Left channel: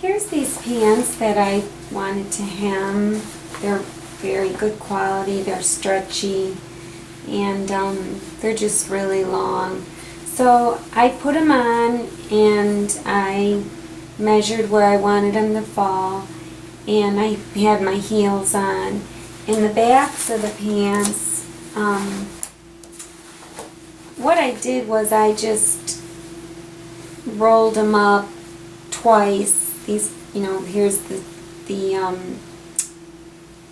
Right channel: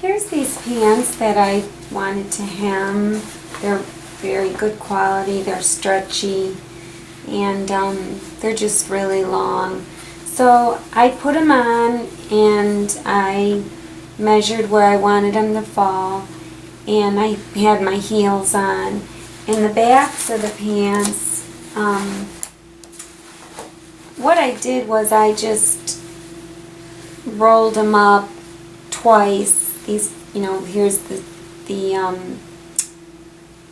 Here's these pants that I wanted to hem. They're very good quality, they're stretchy, and they're just really long. So I put them on and I measured where I wanted them to fall, and I had my heels on. In the backs of the pants, what I did was I just rolled them up twice. These, here's the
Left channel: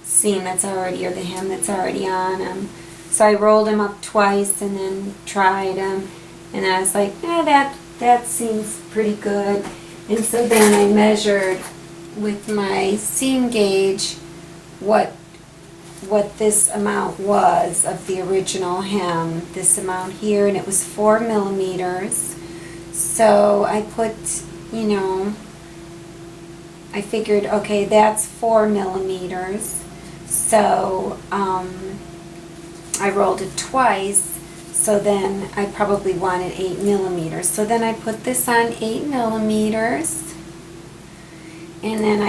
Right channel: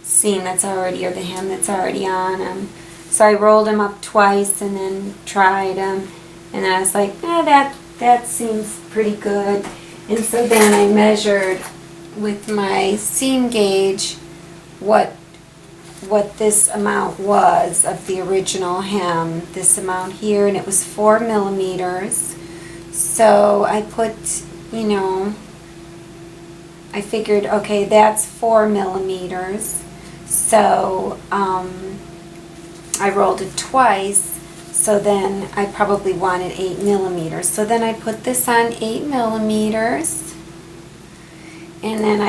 seam that's already, or the hem that's already on them. So I rolled them up twice and then tried them, and then I was like, that seems pretty good. And so then I measured with my seam gauge what this amount was of the original hem, this amount here, and it was 4 millimeters. So I put, I figured, okay, that's 4 millimeters. So I rolled it twice, so then I probably wanted 8 millimeters. So then I put this on 8 millimeters, and then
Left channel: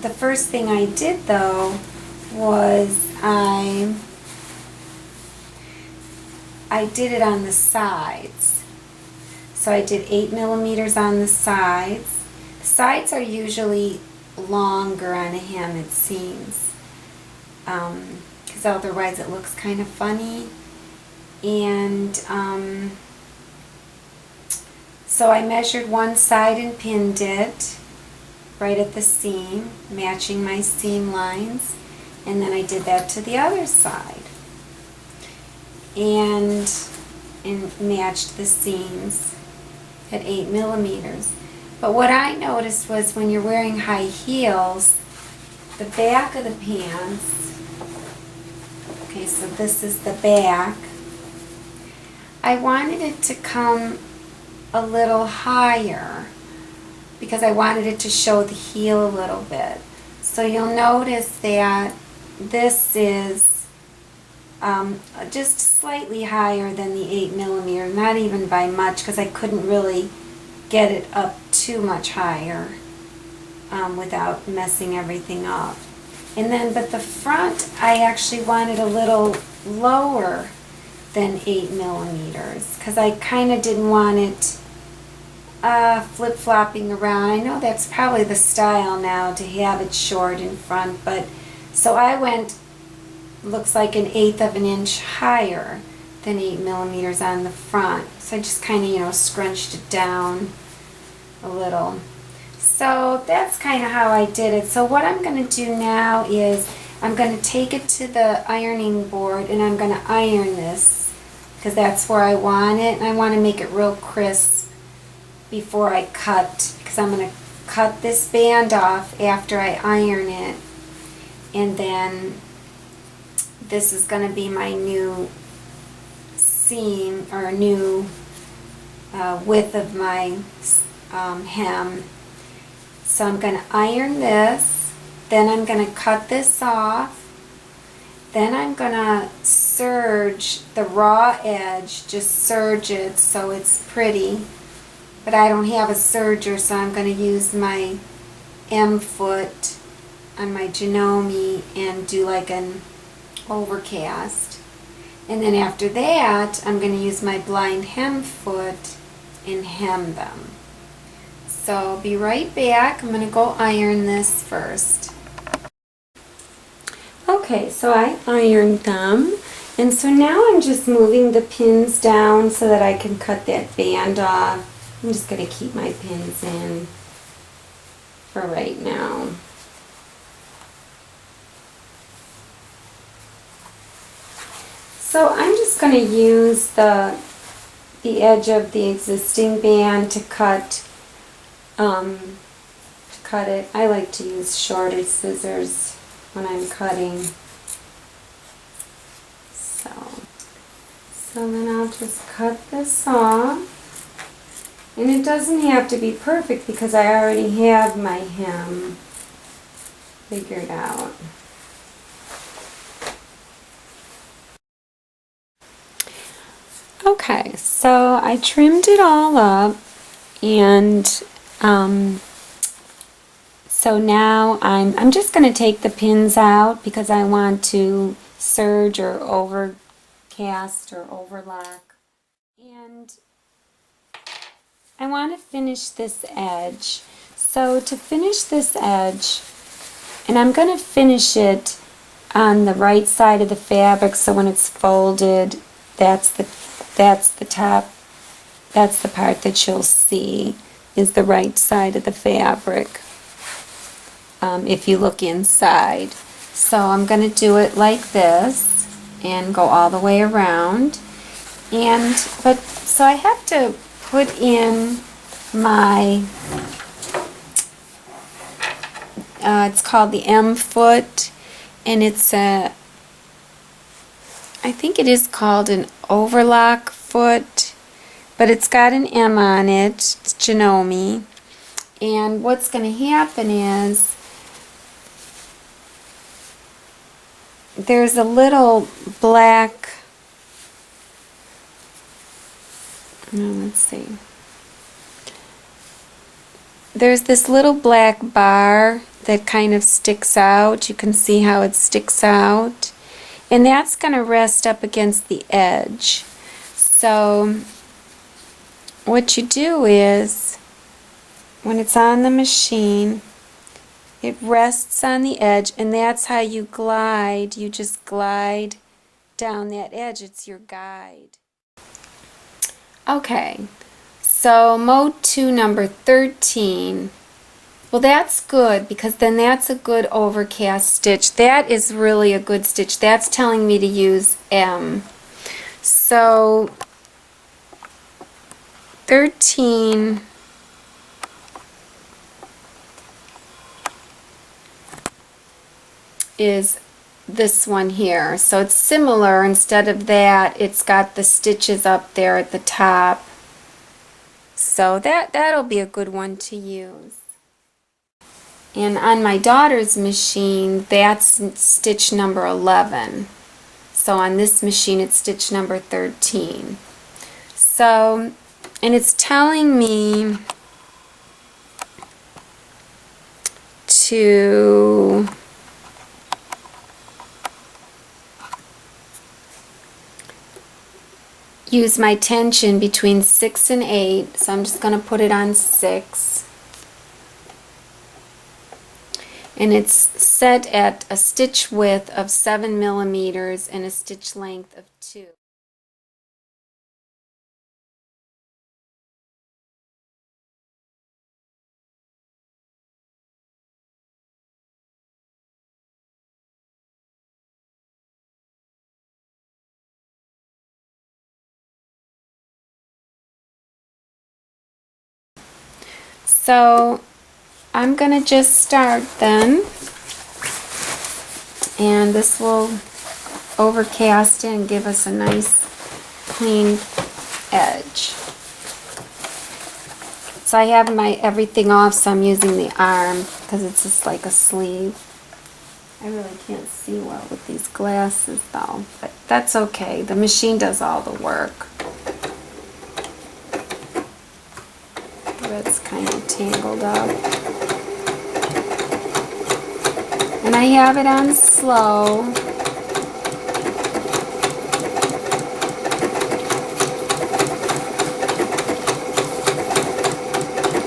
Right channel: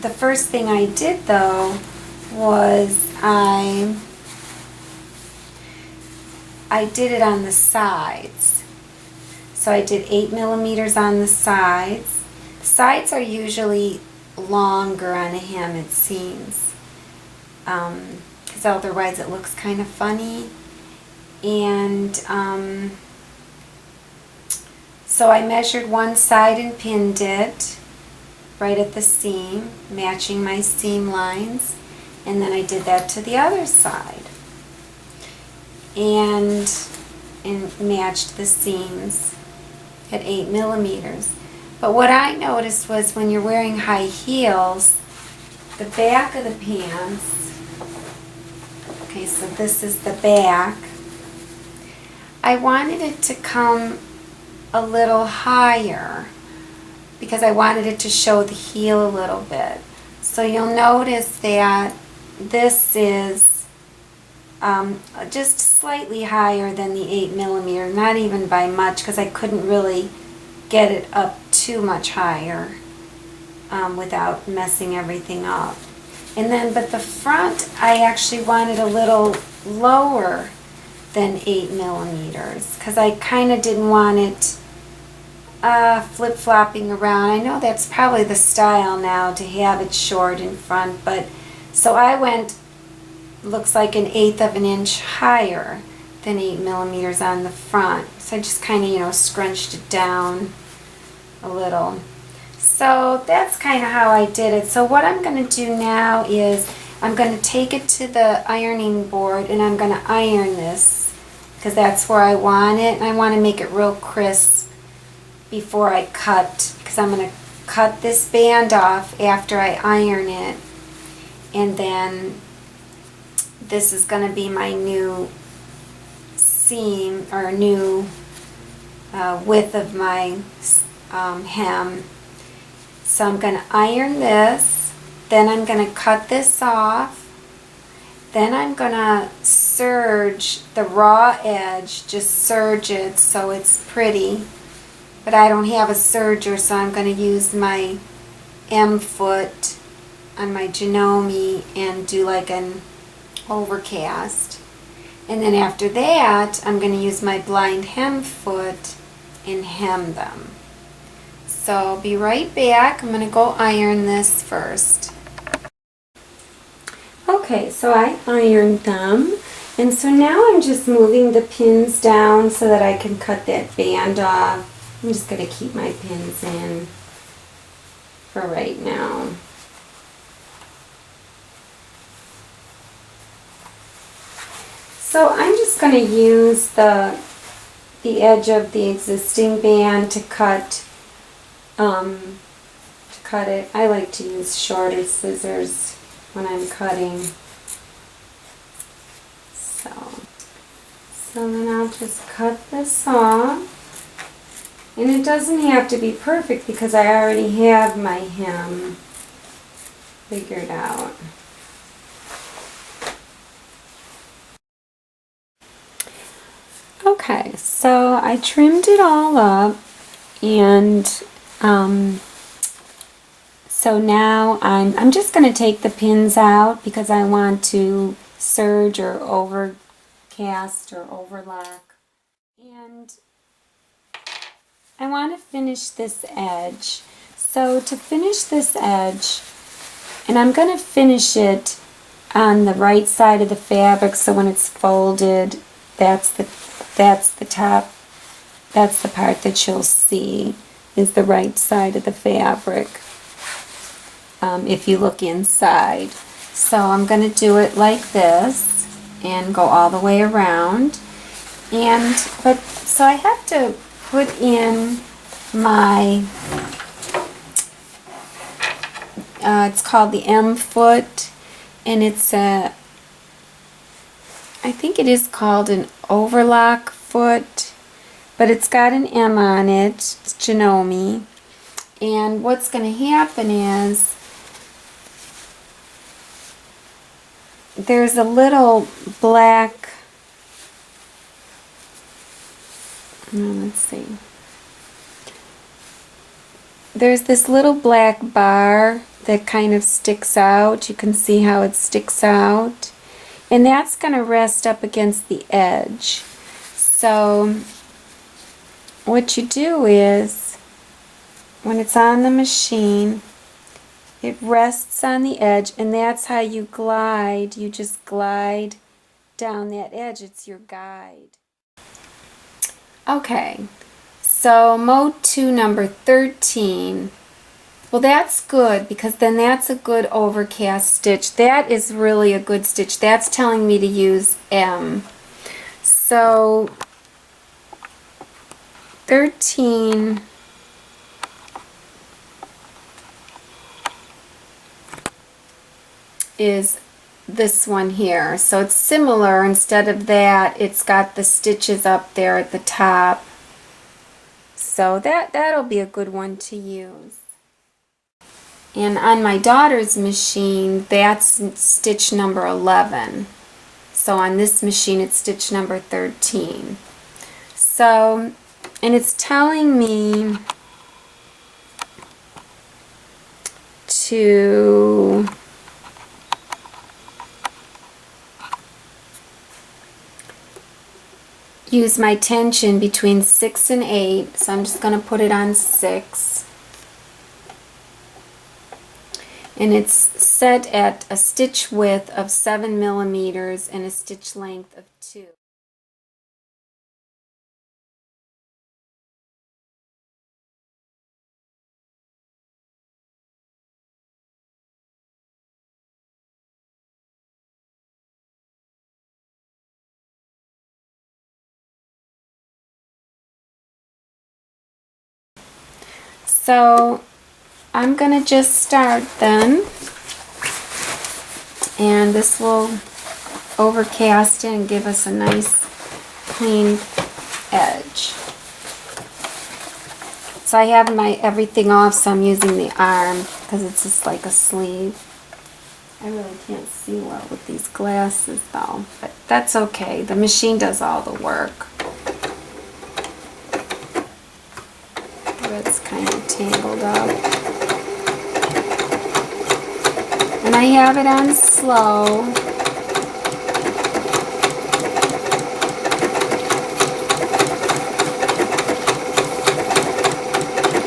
the first thing I did though was I did it on the sides. So I did 8 millimeters on the sides. The sides are usually longer on a hem, it seems, because otherwise it looks kind of funny. And so I measured one side and pinned it right at the seam, matching my seam lines, and then I did that to the other side and matched the seams at 8 millimeters. But what I noticed was when you're wearing high heels, the back of the pants, okay, so this is the back, I wanted it to come a little higher because I wanted it to show the heel a little bit. So you'll notice that this is just slightly higher than the 8 millimeter, not even by much, because I couldn't really get it up too much higher without messing everything up. And then, but the front, I actually wanted a little lower than 8 millimeters because I kind of didn't want it flip-flopping around. I know that's probably the style now to have it short in front, but so I went, looks like 1/8 of an inch higher than 8 millimeters on the front. So I just kind of, scrunched it down a little. So that's kind of how I did it. So what I'm going to do now is I'm going to take it to the ironing board and I'm going to iron this because that's where I want it, and I want to make it real crisp before I cut, because I'm going to cut this band off after I iron it, and then this is going to be my new seam, or new width of my hem. So I'm going to iron this, then I'm going to cut this off, then I'm going to serge the raw edge, just serge it so it's pretty. But I don't have a serger, so I'm going to use my M foot on my Janome and do like an overcast. And then after that, I'm going to use my blind hem foot and hem them. So I'll be right back. I'm going to go iron this first. Okay, so I ironed them. And so now I'm just moving the pins down so that I can cut that band off. I'm just going to keep my pins in for right now. So I'm just going to use the edge of the existing band to cut it. I like to use shorter scissors when I'm cutting. So then I'll just cut this off. And it doesn't have to be perfect because I already have my hem figured out. Okay, so I trimmed it all up, and So now I'm just going to take the pins out because I want to serge or overcast or overlock. And I want to finish this edge. So to finish this edge, and I'm going to finish it on the right side of the fabric, so when it's folded, that's the top, that's the part that you'll see is the right side of the fabric. If you look inside. So I'm going to do it like this and go all the way around. So I have to put in my, it's called the M foot, and it's I think it is called an overlock foot, but it's got an M on it. It's Janome. And what's going to happen is there's a little black, let's see, there's this little black bar that kind of sticks out. You can see how it sticks out, and that's going to rest up against the edge. So what you do is, when it's on the machine, it rests on the edge, and that's how you glide. You just glide down that edge. It's your guide. Okay, so mode 2, number 13. Well, that's good because then that's a good overcast stitch. That is really a good stitch. That's telling me to use M. So 13 is this one here. So it's similar. Instead of that, it's got the stitches up there at the top. So that'll be a good one to use. And on my daughter's machine, that's stitch number 11. So on this machine, it's stitch number 13. So, and it's telling me to use my tension between 6 and 8, so I'm just going to put it on 6. And it's set at a stitch width of 7 millimeters and a stitch length of 2. So I'm going to just start then, and this will overcast it and give us a nice clean edge. So I have my everything off, so I'm using the arm because it's just like a sleeve. I really can't see well with these glasses though, but that's okay. The machine does all the work. It's kind of tangled up. And I have it on slow.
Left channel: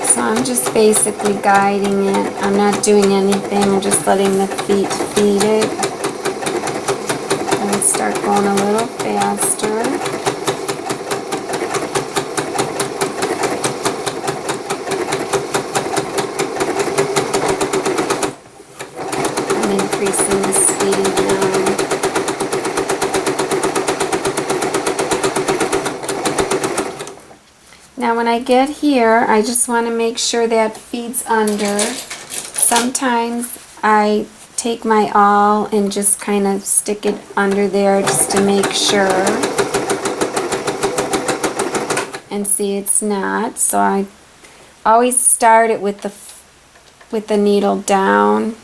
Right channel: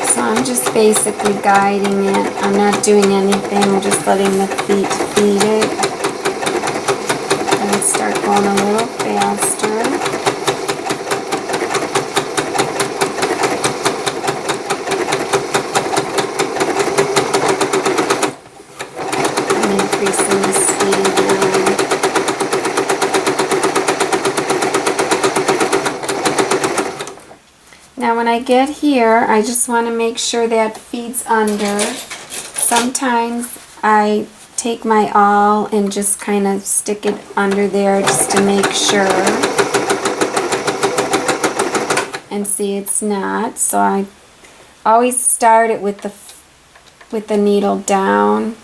So I'm just basically guiding it. I'm not doing anything. I'm just letting the feet feed it. And start going a little faster. Increasing the speed now. When I get here, I just want to make sure that feeds under. Sometimes I take my awl and just kind of stick it under there just to make sure. And see, it's not. So I always start it with the needle down,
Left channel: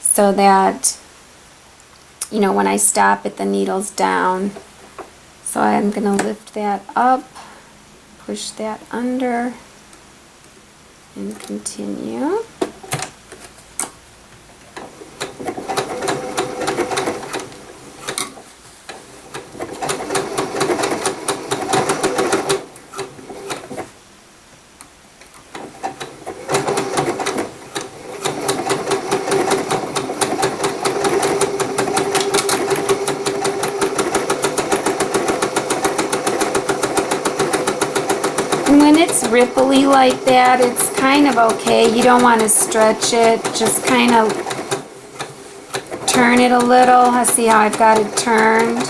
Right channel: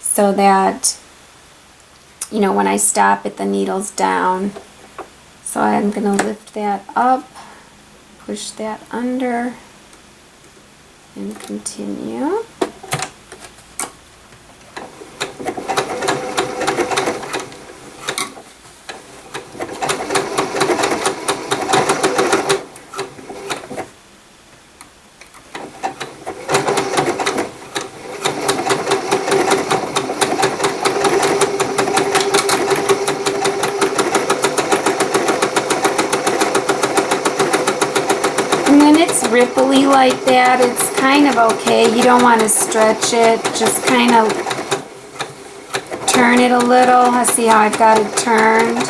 so that, you know, when I stop it, the needle's down. So I'm going to lift that up, push that under, and continue. ripply like that, it's kind of okay. You don't want to stretch it. Just kind of turn it a little. I see how I've got it turned.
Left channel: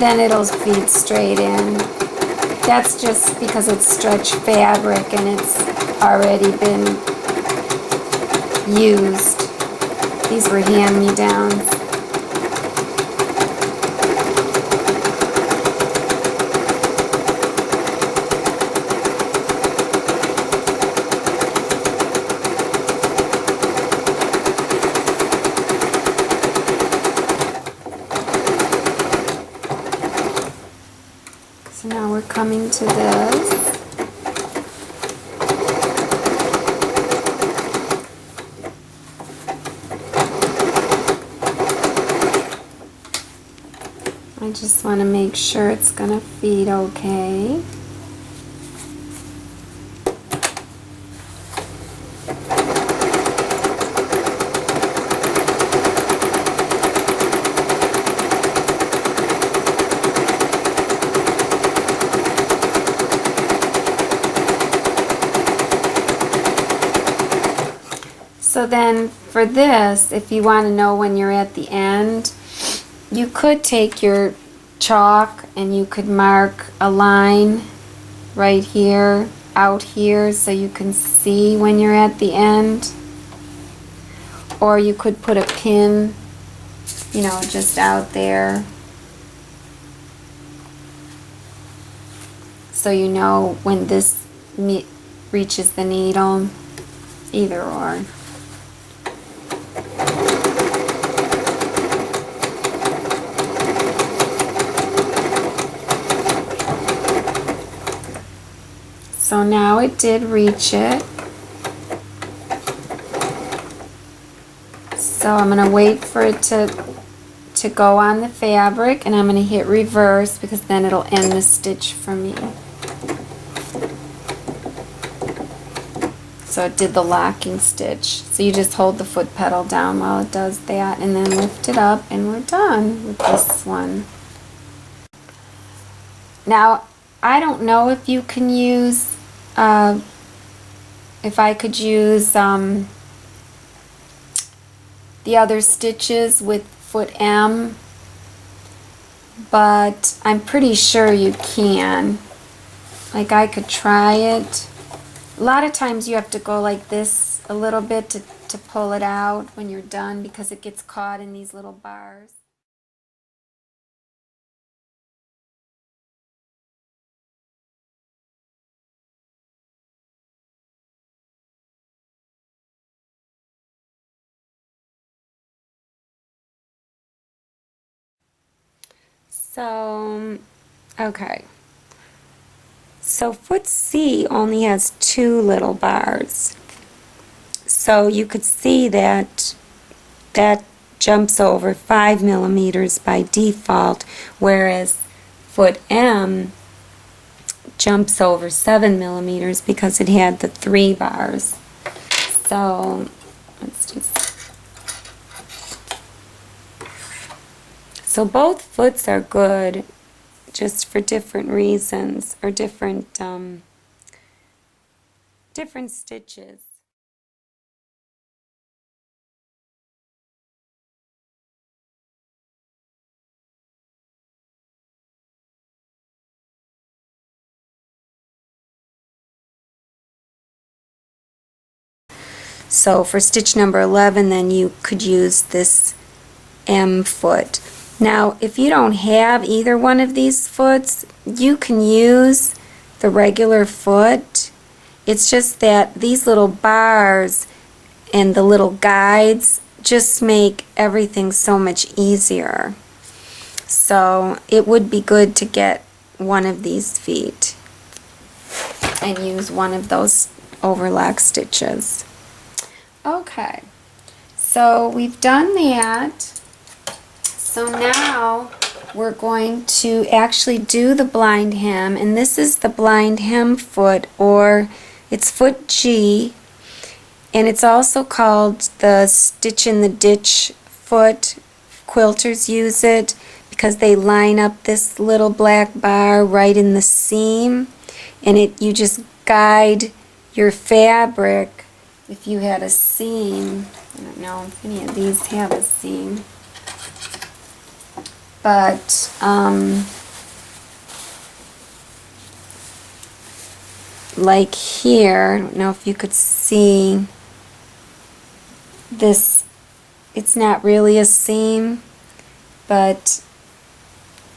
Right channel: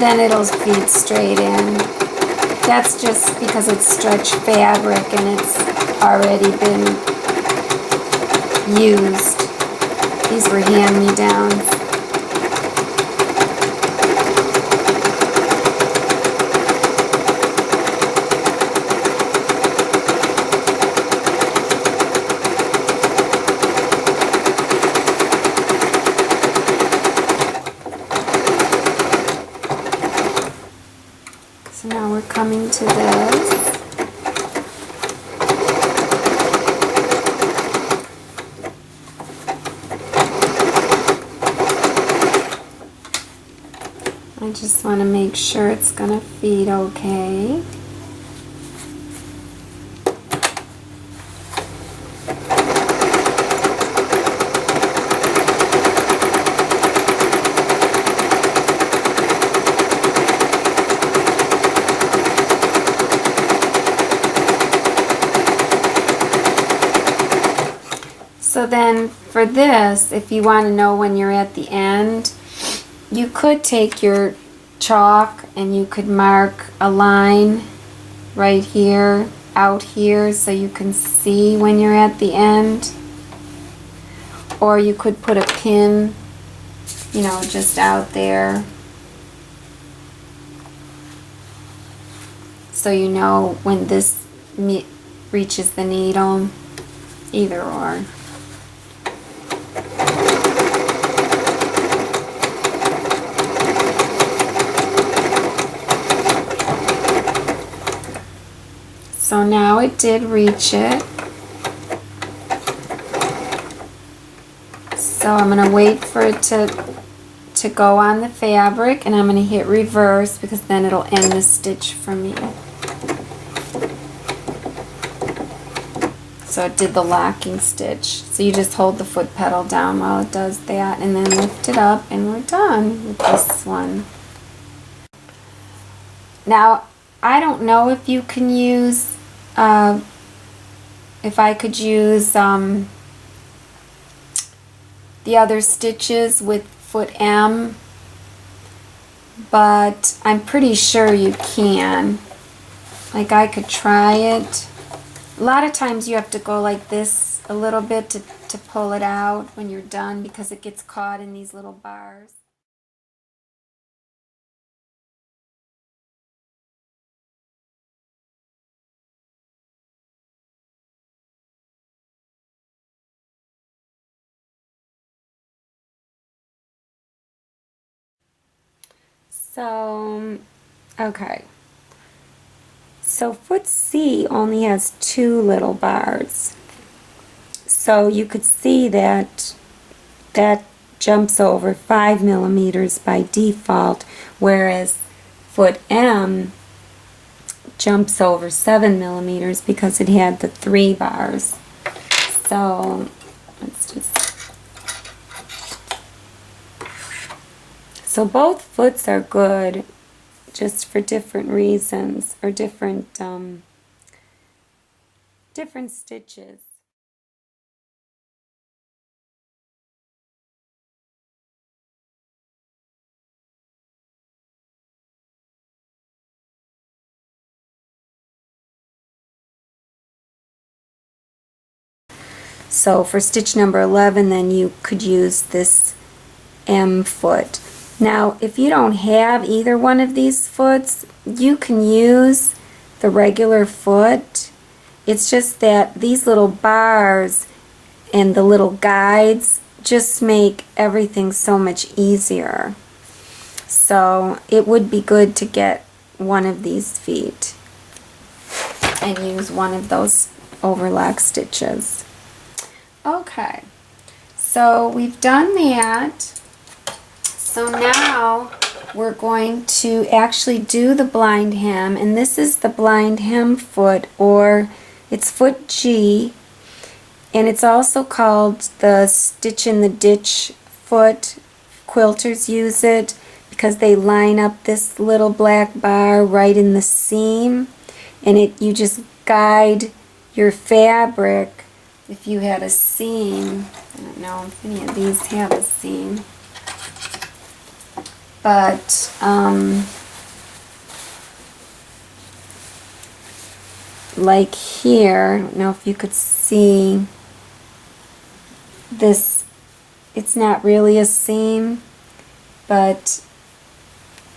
Then it'll feed straight in. That's just because it's stretched fabric and it's already been used. These were hand-me-downs. So now we're coming to this. I just want to make sure it's going to feed okay. So then for this, if you want to know when you're at the end, you could take your chalk and you could mark a line right here, out here, so you can see when you're at the end. Or you could put a pin, you know, just out there, so you know when this reaches the needle. Either or. So now it did reach it. So I'm going to wait for it to go on the fabric, and I'm going to hit reverse because then it'll end the stitch for me. So it did the locking stitch. So you just hold the foot pedal down while it does that, and then lift it up, and we're done with this one. Now, I don't know if you can use, if I could use the other stitches with foot M, but I'm pretty sure you can. Like, I could try it. A lot of times you have to go like this a little bit to pull it out when you're done, because it gets caught in these little bars. So, okay. So foot C only has 2 little bars. So you could see that that jumps over 5 millimeters by default, whereas foot M jumps over 7 millimeters because it had the 3 bars. So let's just... So both foots are good, just for different reasons, or different stitches. So for stitch number 11, then you could use this M foot. Now, if you don't have either one of these foots, you can use the regular foot. It's just that these little bars and the little guides just make everything so much easier. So it would be good to get one of these feet and use one of those overlock stitches. Okay, so we've done that. So now we're going to actually do the blind hem, and this is the blind hem foot, or it's foot G, and it's also called the stitch in the ditch foot. Quilters use it because they line up this little black bar right in the seam, and you just guide your fabric if you had a seam. I don't know if any of these have a seam, but like here, I don't know if you could see this, it's not really a seam, but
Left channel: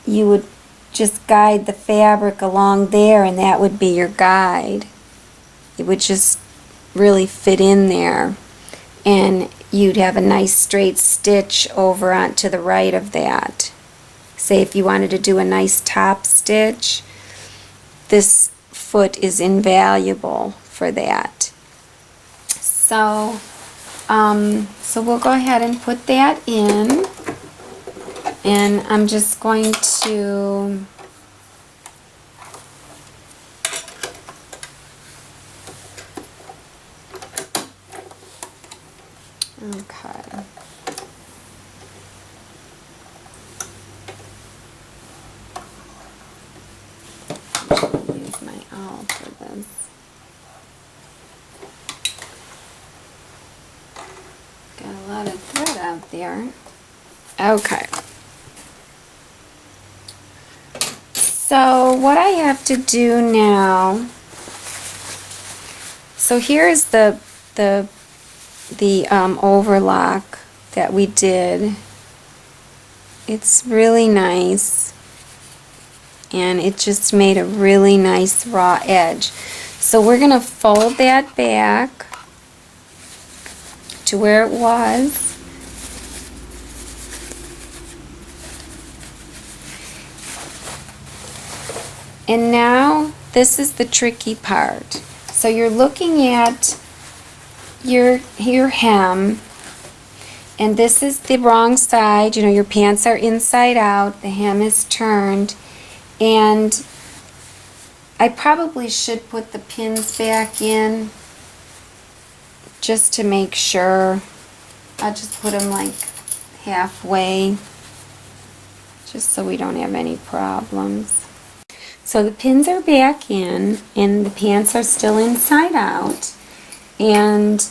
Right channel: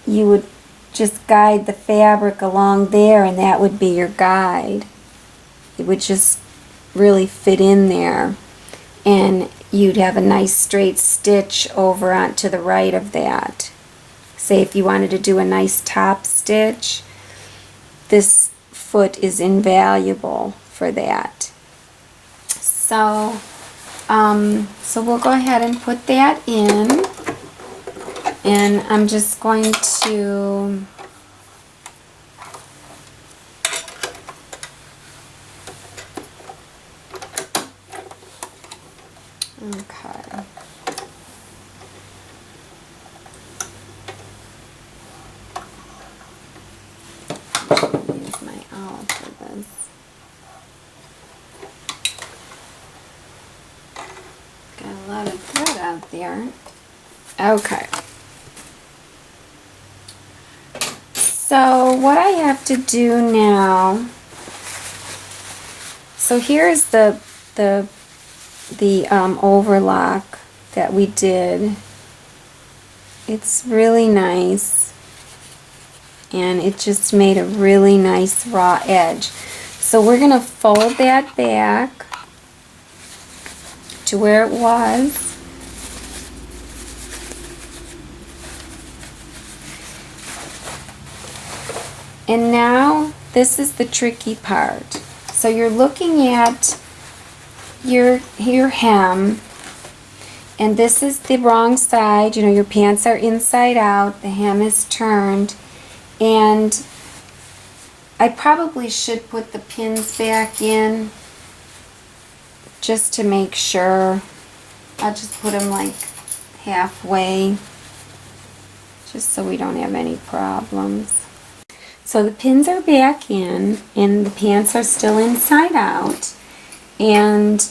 you would just guide the fabric along there and that would be your guide. It would just really fit in there and you'd have a nice straight stitch over onto the right of that. Say if you wanted to do a nice top stitch, this foot is invaluable for that. So we'll go ahead and put that in, and I'm just going to okay. Use my awl for this. Got a lot of thread out there. Okay. So what I have to do now, so here's the overlock that we did. It's really nice, and it just made a really nice raw edge. So we're going to fold that back to where it was. And now this is the tricky part. So you're looking at your hem, and this is the wrong side. You know, your pants are inside out, the hem is turned, and I probably should put the pins back in just to make sure. I'll just put them like halfway just so we don't have any problems. So the pins are back in and the pants are still inside out. And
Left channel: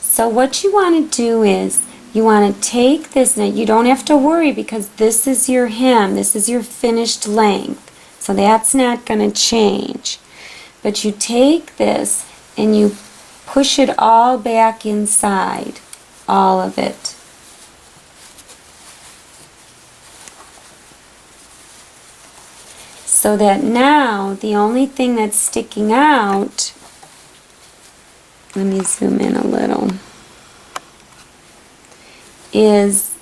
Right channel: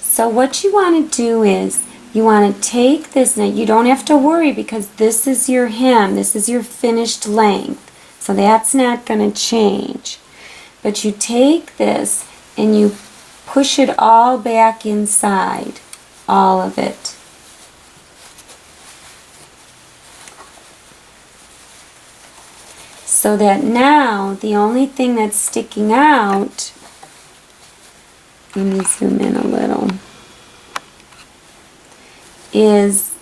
so what you want to do is you want to take this, now you don't have to worry because this is your hem, this is your finished length. So that's not going to change. But you take this and you push it all back inside, all of it. So that now the only thing that's sticking out, let me zoom in a little, is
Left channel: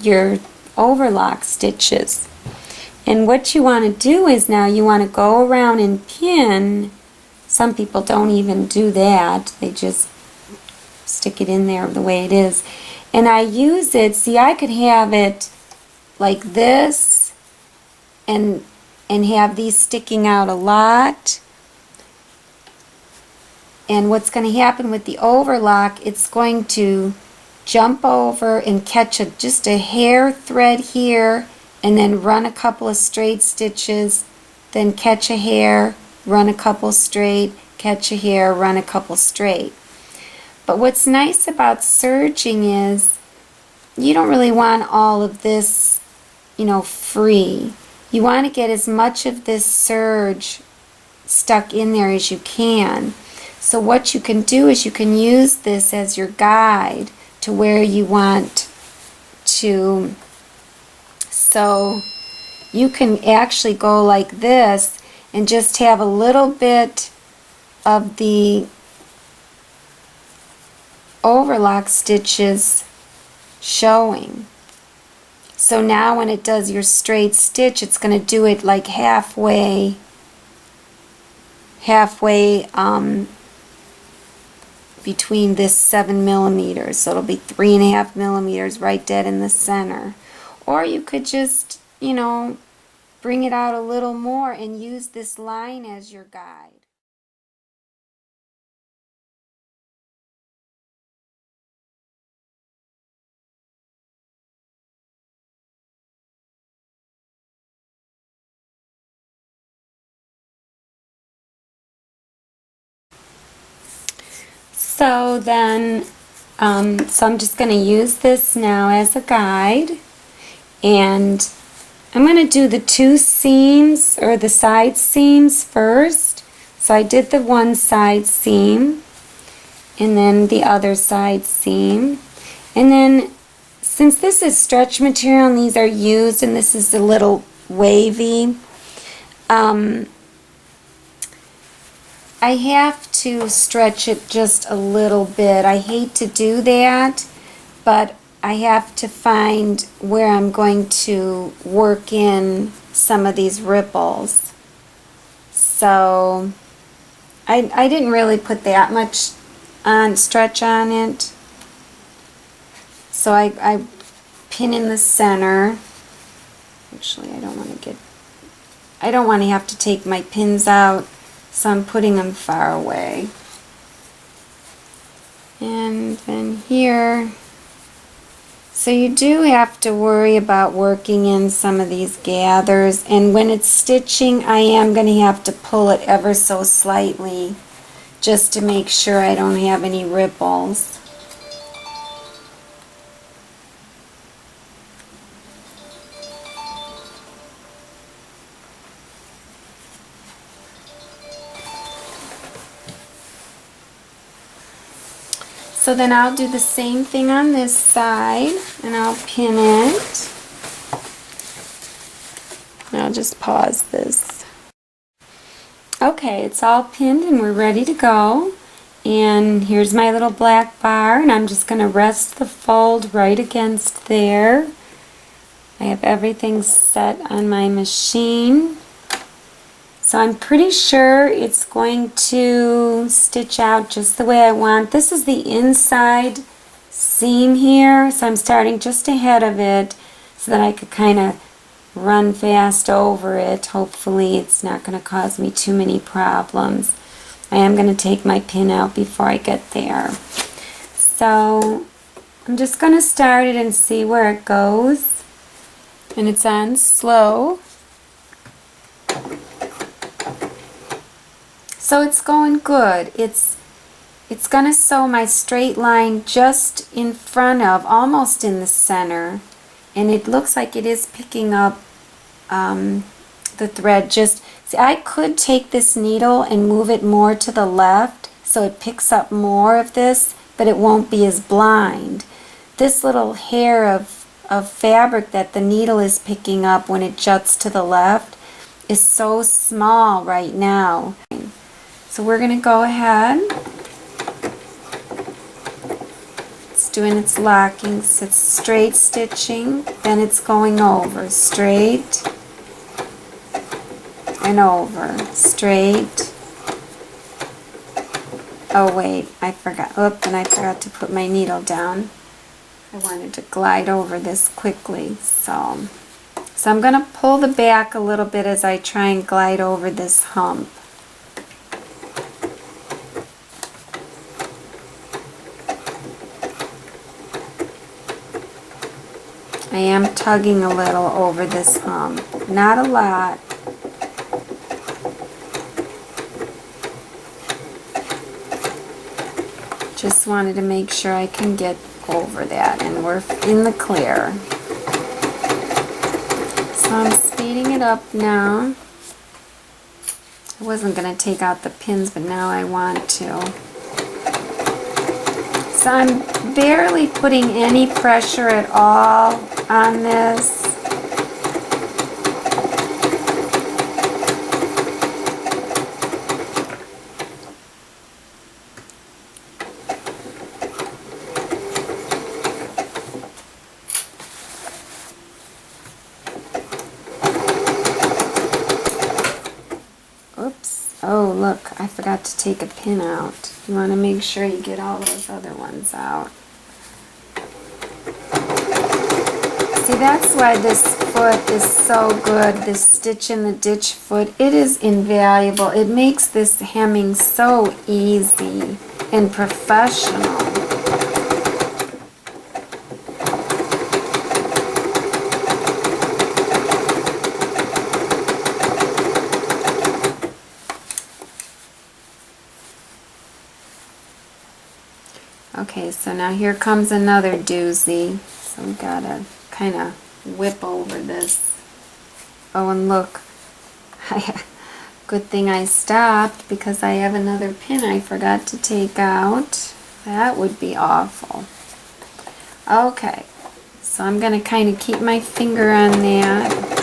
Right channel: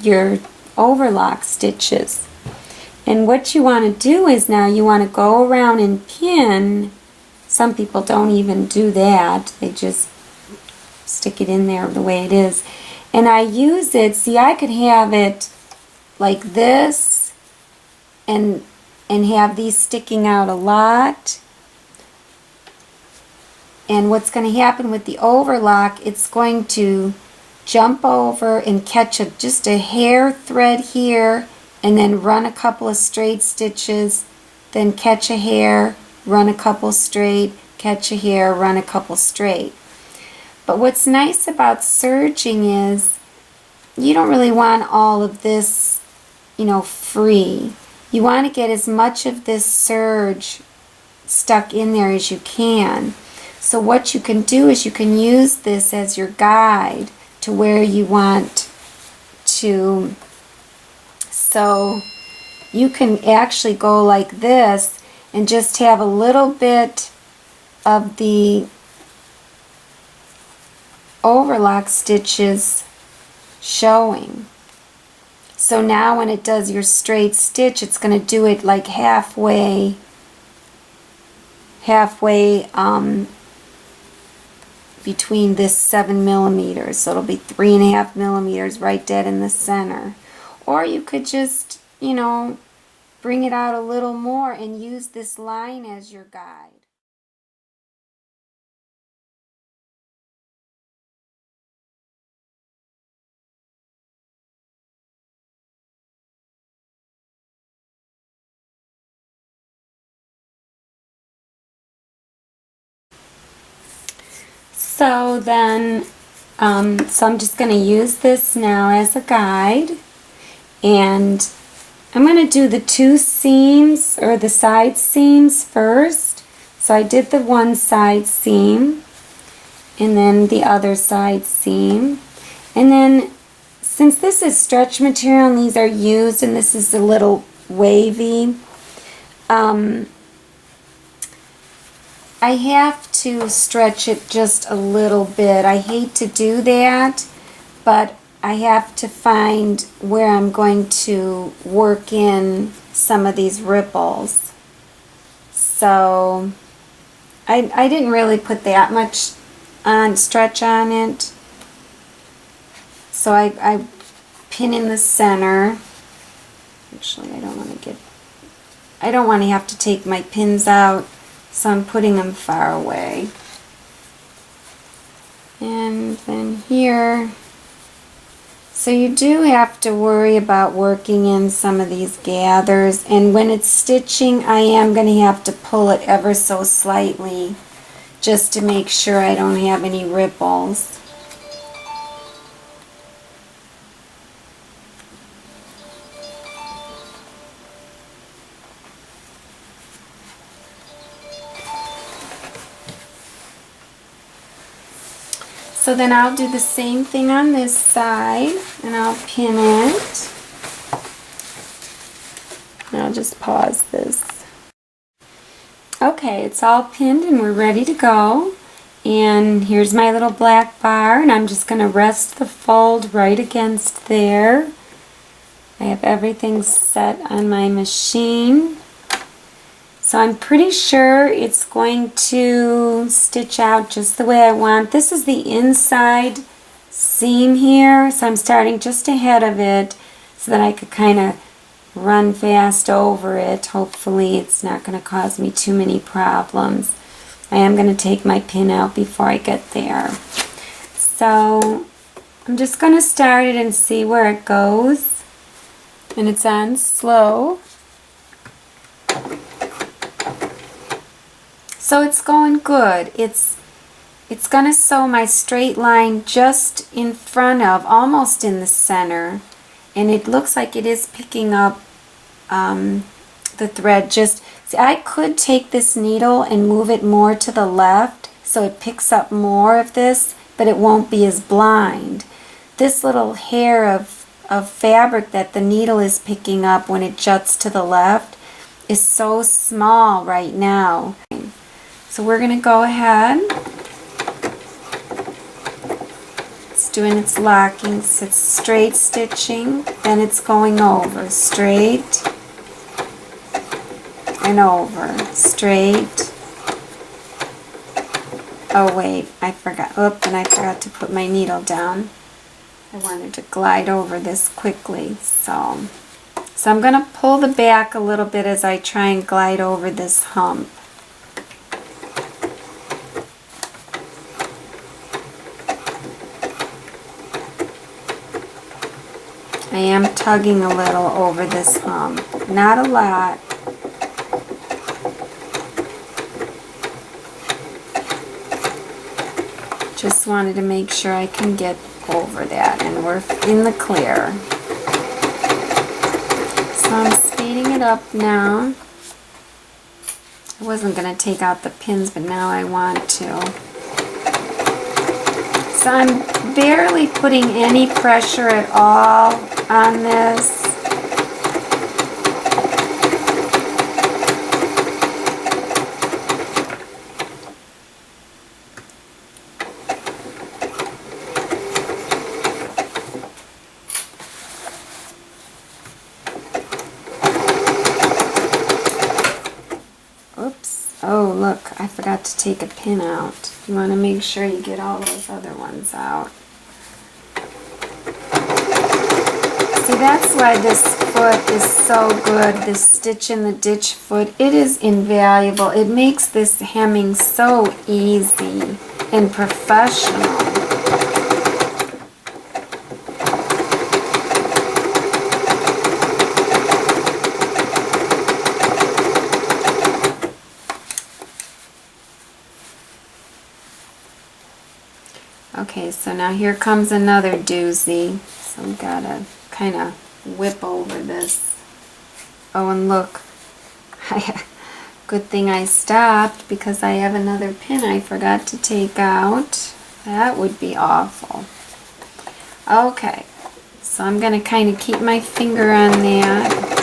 your overlock stitches. And what you want to do is now you want to go around and pin. Some people don't even do that. They just stick it in there the way it is. And I use it, see, I could have it like this and have these sticking out a lot. And what's going to happen with the overlock, it's going to jump over and catch just a hair thread here and then run a couple of straight stitches, then catch a hair, run a couple straight, catch a hair, run a couple straight. But what's nice about serging is you don't really want all of this, you know, free. You want to get as much of this serge stuck in there as you can. So what you can do is you can use this as your guide to where you want to. So you can actually go like this and just have a little bit of the overlock stitches showing. So now when it does your straight stitch, it's going to do it like halfway between this 7 millimeters. So it'll be 3.5 millimeters right dead in the center. Or you could just, you know, bring it out a little more and use this line as your guide. So then, so I'm just going to use this now as a guide, and I'm going to do the two seams, or the side seams first. So I did the one side seam, and then the other side seam. And then, since this is stretch material and these are used, and this is a little wavy, I have to stretch it just a little bit. I hate to do that, but I have to find where I'm going to work in some of these ripples. So I didn't really put that much on stretch on it. So I pin in the center. Actually, I don't want to have to take my pins out, so I'm putting them far away. And then here, so you do have to worry about working in some of these gathers, and when it's stitching I am going to have to pull it ever so slightly just to make sure I don't have any ripples. So then I'll do the same thing on this side, and I'll pin it. And I'll just pause this. Okay, it's all pinned and we're ready to go. And here's my little black bar, and I'm just going to rest the fold right against there. I have everything set on my machine. So I'm pretty sure it's going to stitch out just the way I want. This is the inside seam here, so I'm starting just ahead of it so that I could kind of run fast over it. Hopefully it's not going to cause me too many problems. I am going to take my pin out before I get there. So I'm just going to start it and see where it goes. And it's on slow. So it's going good. It's going to sew my straight line just in front of, almost in the center, and it looks like it is picking up the thread. Just see, I could take this needle and move it more to the left so it picks up more of this, but it won't be as blind. This little hair of fabric that the needle is picking up when it juts to the left is so small right now. So we're going to go ahead. It's doing its locking, so it's straight stitching, then it's going over, straight and over, straight. Oh wait, I forgot. Oop, and I forgot to put my needle down. I wanted to glide over this quickly, so I'm going to pull the back a little bit as I try and glide over this hump. I am tugging a little over this hump, not a lot. Just wanted to make sure I can get over that, and we're in the clear. So I'm speeding it up now. I wasn't going to take out the pins, but now I want to. So I'm barely putting any pressure at all on this. Oops. Oh, look, I forgot to take a pin out. You want to make sure you get all those other ones out. See, that's why this foot is so good, this stitch in the ditch foot. It is invaluable. It makes this hemming so easy and professional. So now here comes another doozy. So we gotta kind of whip over this. Oh, and look, good thing I stopped because I have another pin I forgot to take out. That would be awful. Okay, so I'm gonna kind of keep my finger on that.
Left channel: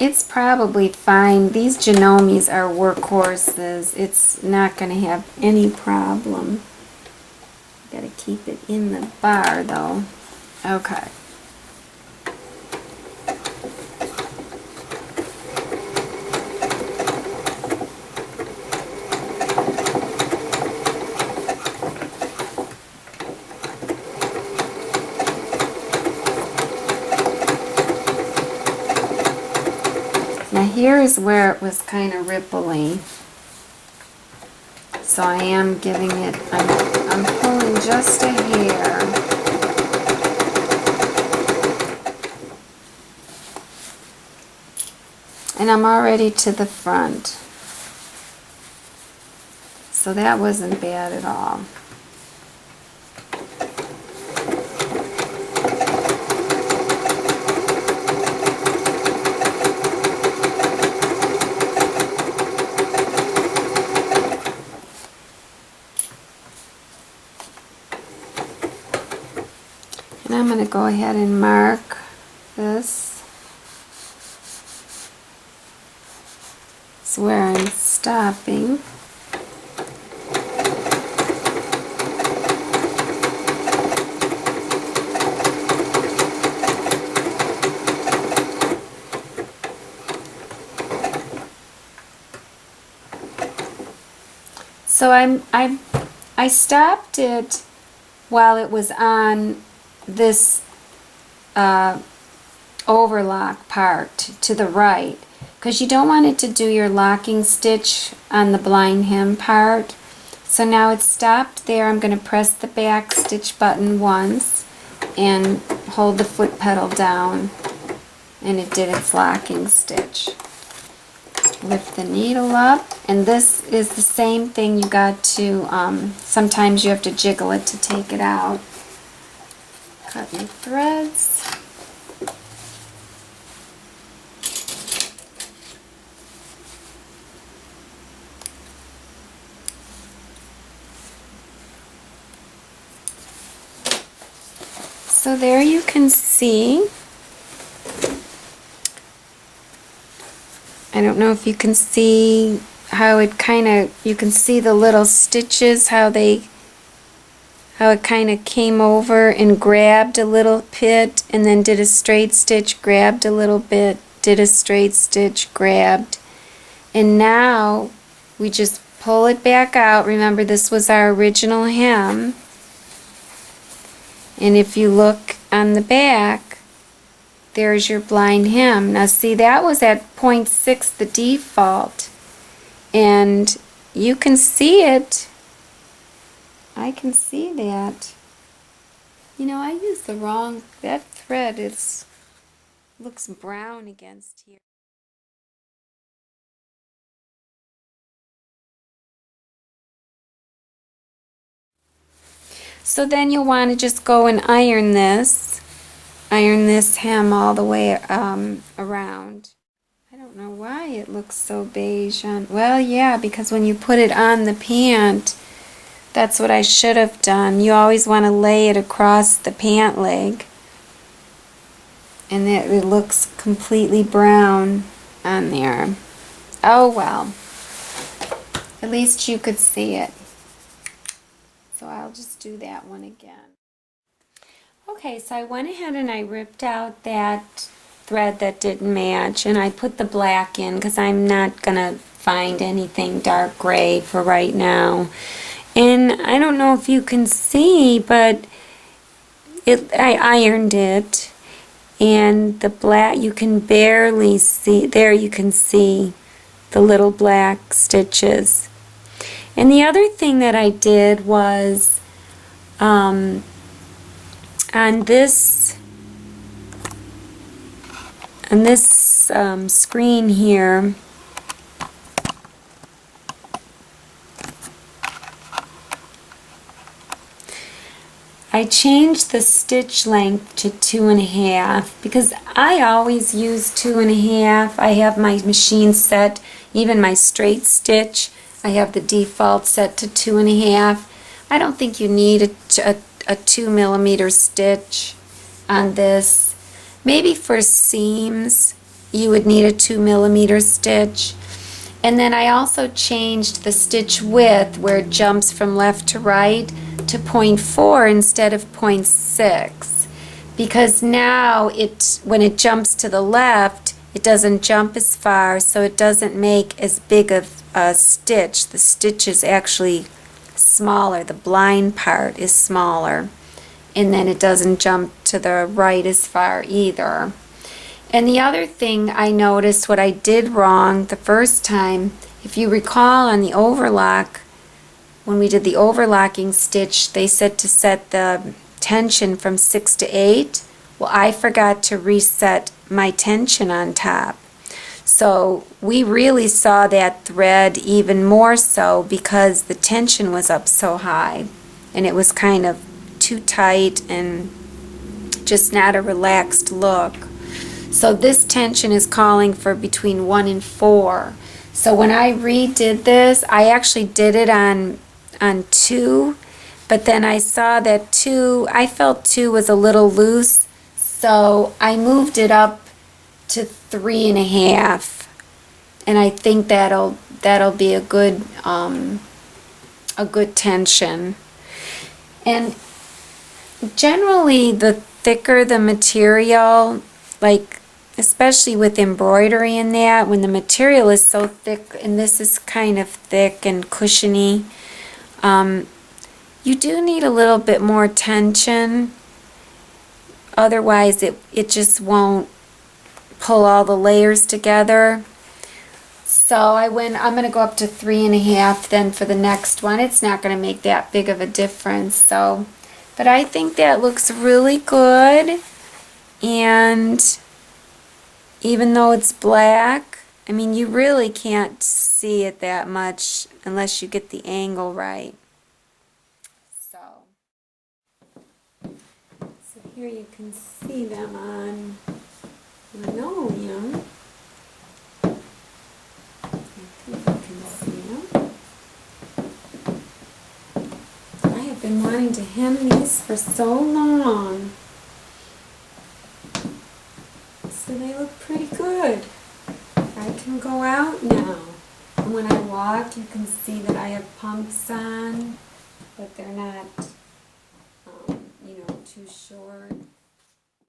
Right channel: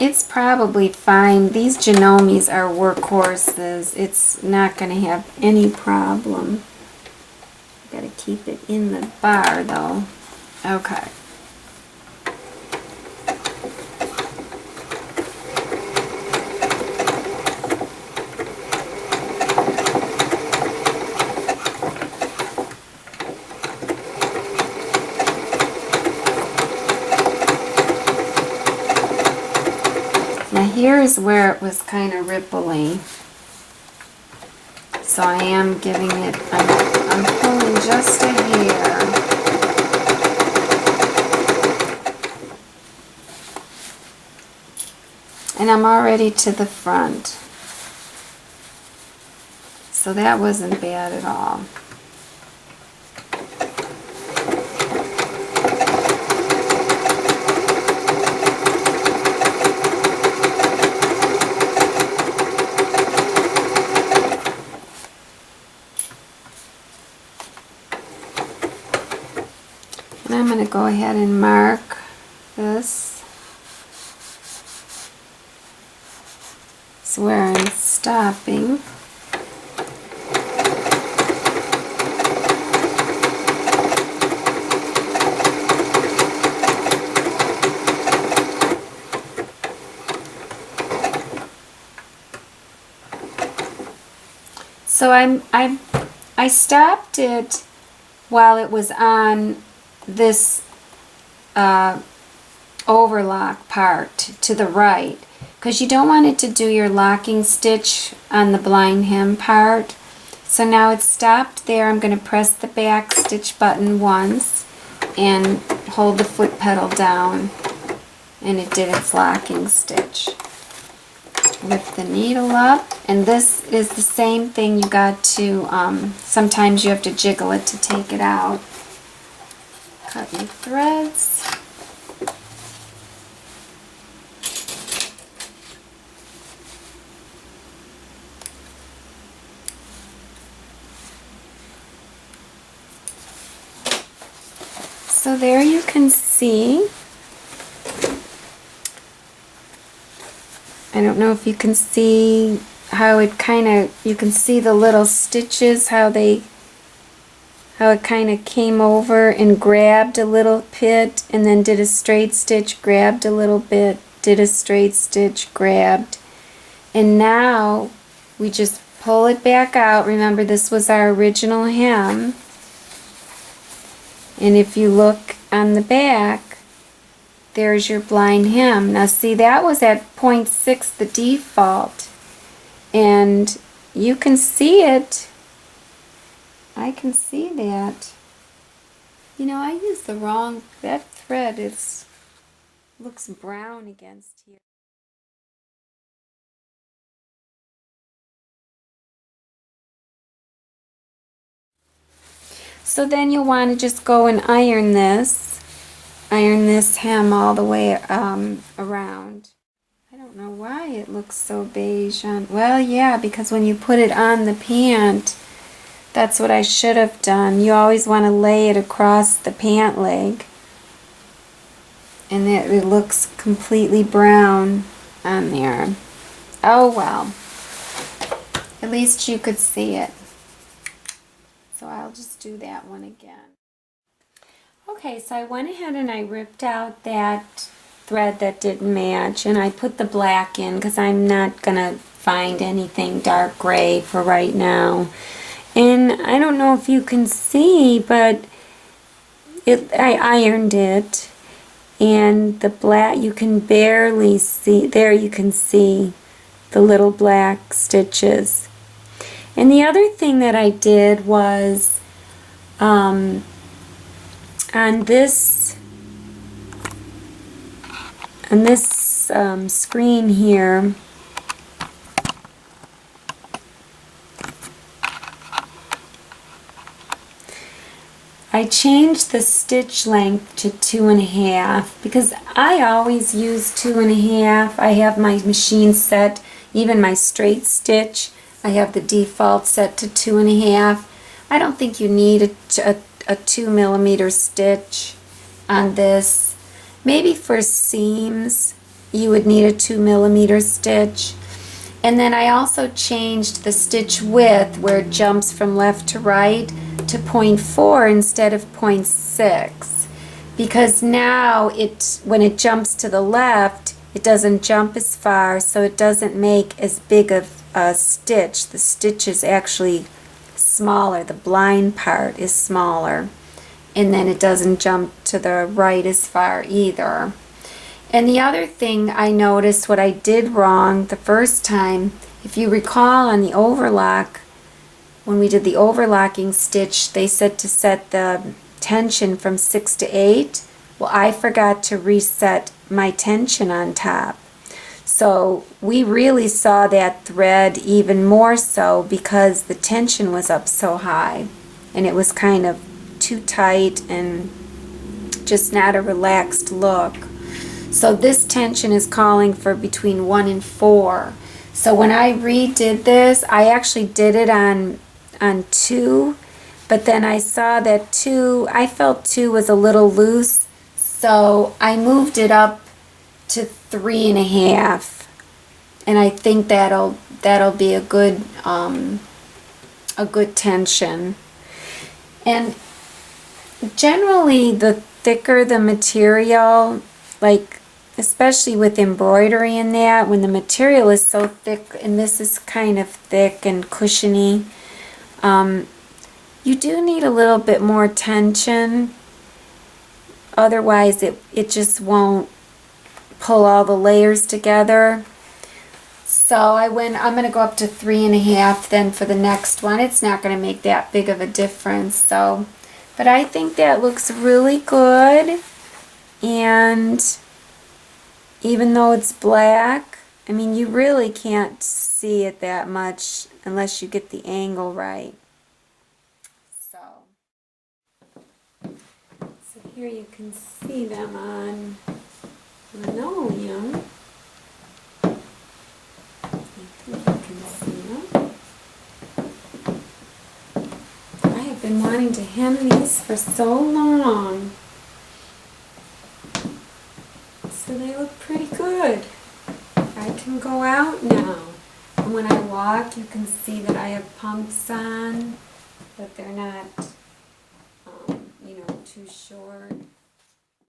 It's probably fine. These Janomes are workhorses. It's not going to have any problem. Got to keep it in the bar though. Okay. Now here is where it was kind of ripply. So I am giving it, I'm pulling just a hair. And I'm already to the front. So that wasn't bad at all. And I'm going to go ahead and mark this. It's where I'm stopping. So I stopped it while it was on this overlock part to the right, because you don't want it to do your locking stitch on the blind hem part. So now it's stopped there. I'm going to press the back stitch button once and hold the foot pedal down, and it did its locking stitch. Lift the needle up, and this is the same thing. You got to sometimes you have to jiggle it to take it out. Cut your threads. So there you can see. I don't know if you can see how it kind of, you can see the little stitches, how it kind of came over and grabbed a little bit and then did a straight stitch, grabbed a little bit, did a straight stitch, grabbed. And now we just pull it back out. Remember, this was our original hem. And if you look on the back, there's your blind hem. Now see, that was at 0.6, the default. And you can see it. I can see that. You know, I used the wrong, that thread looks brown against here. So then you'll want to just go and iron this hem all the way around. I don't know why it looks so beige on, well, yeah, because when you put it on the pant, that's what I should have done. You always want to lay it across the pant leg, and it looks completely brown on there. Oh well, at least you could see it. So I'll just do that one again. Okay, so I went ahead and I ripped out that thread that didn't match, and I put the black in because I'm not gonna find anything dark gray for right now. And I don't know if you can see, but I ironed it, and the black, you can barely see, there you can see the little black stitches. And the other thing that I did was on this screen here, I changed the stitch length to 2.5 because I always use 2.5. I have my machine set, even my straight stitch, I have the default set to 2.5. I don't think you need a 2 millimeter stitch on this. Maybe for seams you would need a 2 millimeter stitch. And then I also changed the stitch width where it jumps from left to right to 0.4 instead of 0.6, because now when it jumps to the left, it doesn't jump as far, so it doesn't make as big of a stitch. The stitch is actually smaller, the blind part is smaller, and then it doesn't jump to the right as far either. And the other thing I noticed, what I did wrong the first time, if you recall on the overlock, when we did the overlocking stitch, they said to set the tension from 6 to 8. Well, I forgot to reset my tension on top. So we really saw that thread even more so because the tension was up so high and it was kind of too tight and just not a relaxed look. So this tension is calling for between 1 and 4. So when I redid this, I actually did it on 2, but then I saw that 2, I felt 2 was a little loose, so I moved it up to 3.5, and I think that'll be a good tension. And generally, the thicker the material, like especially with embroidery in that, when the material is so thick, and this is kind of thick and cushiony, you do need a little bit more tension. Otherwise, it just won't pull all the layers together. So I'm going to go up to 3.5 then for the next one. It's not going to make that big of a difference. So, but I think that looks really good. And even though it's black, I mean, you really can't see it that much unless you get the angle right. So here you can see them on linoleum. I think you can see them. I have been wanting to hem these for so long. So they look pretty good. I can go out now. And when I walk, you can see that I have pumps on, but they're not, too short.